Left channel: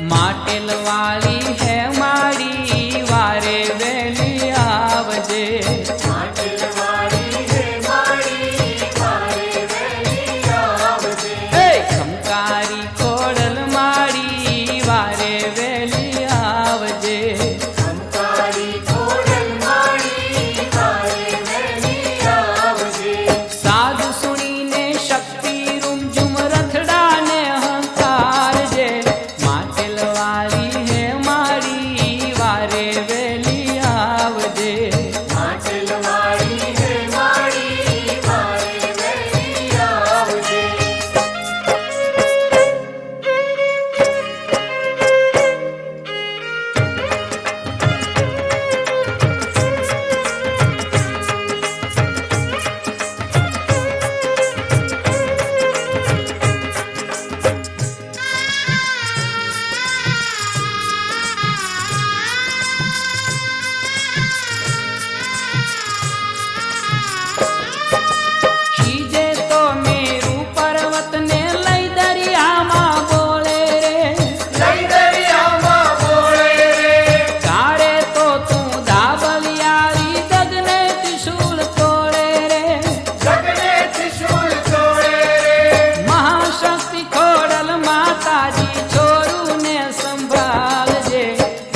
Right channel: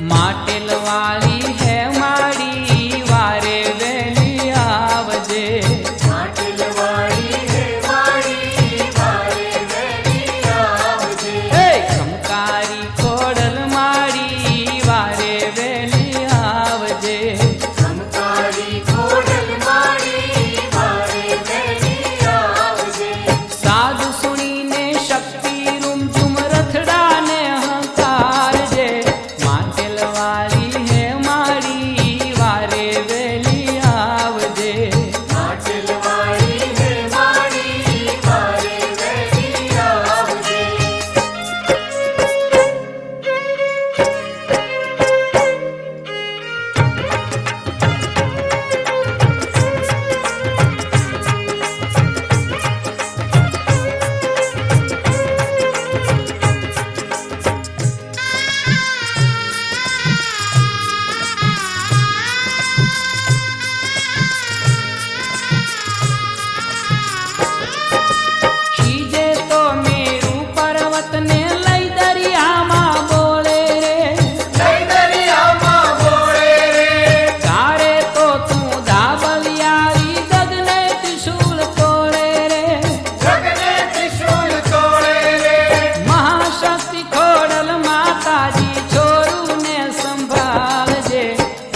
માટેલ વાળી હે માડી વારે વેલી આવજે ખમકારી ખોડલ માડી વારે વેલી આવજે સાધુ સુણીને શક્તિ રૂમ ઝુમ રથડાને અહંકાર જે માટેલ વાળી હે માડી વારે વેલી આવજે માતાજી છોરું ને સંભાળજે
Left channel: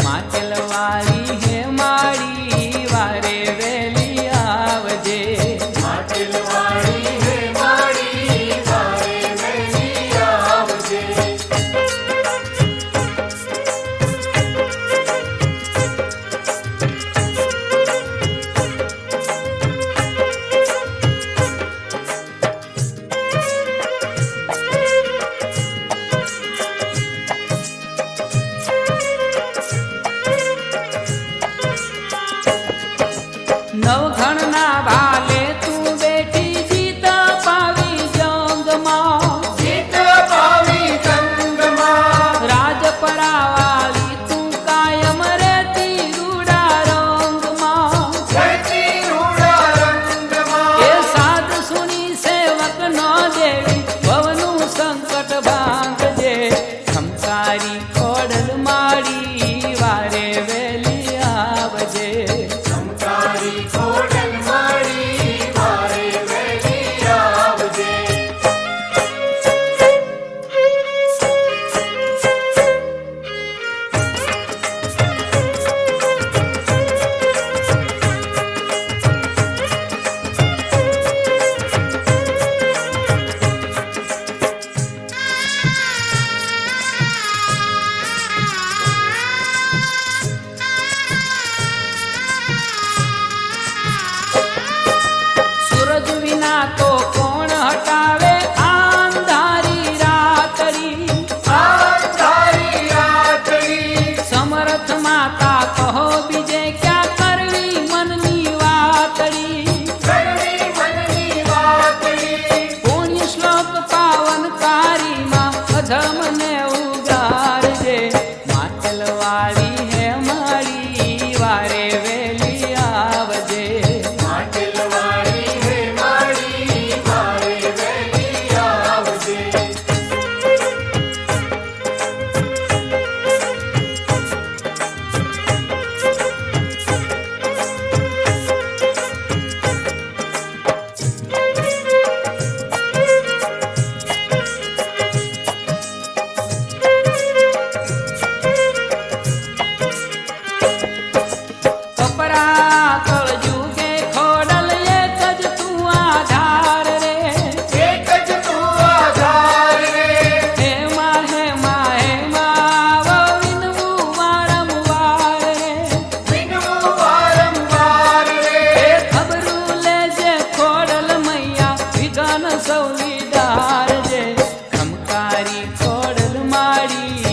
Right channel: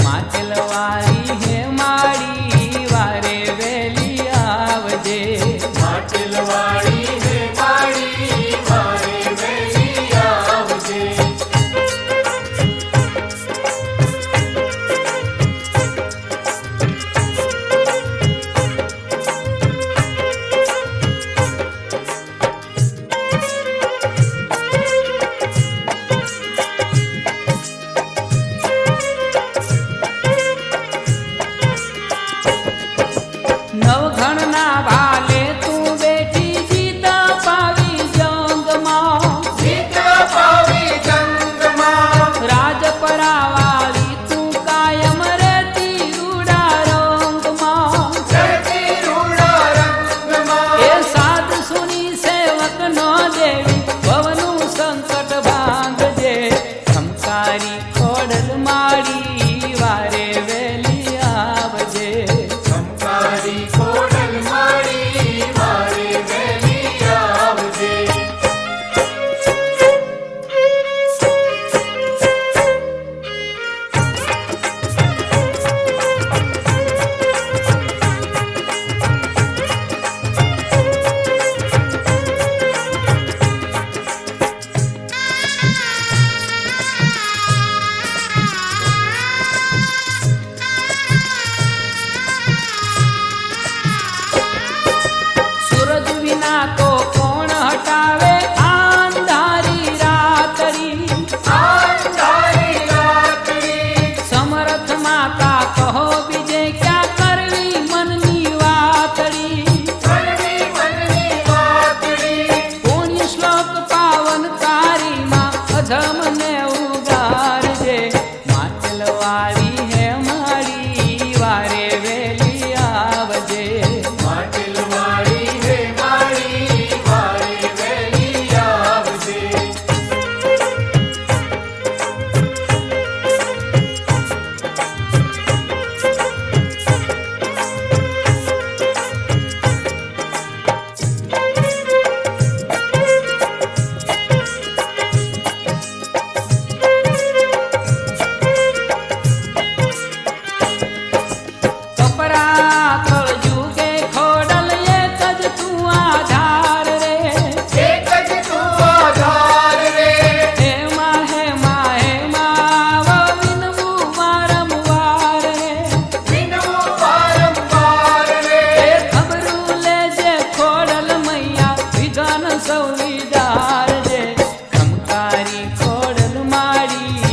માટેલ વાળી હે માડી વારે વેલી આવજે નવઘણ ના ભાલે તું બેઠી જીત પાવી જંગમાં રાજપરા વાળી તું કાયમ રહેતી રૂડા રંગમાં એ સાધ સુની સેવક નો દેવી ભવનું સંકટ ભાંગજે ખમકારી ખોડલ માડી વારે વેલી આવજે તો કોણ હટાવે અંધારી રાતડી સમર્થ માતા કહો બીજે ક્યાં કરવી મનની વાતડી પુણ્ય શ્લોક પાવનકારી માં અધમ ને ઉગારજે માટેલ વાળી હે માડી વારે વેલી આવજે કળજુગે ખોડલ એક જ તું આધાર રે હેમાં હેમાં હેમાં વિનવું વારંવાર રે એ ખબરું લેજે ખોડલ મૈયા વિધાન સૌ વિદાર જે ખમકારી ખોડલ માડી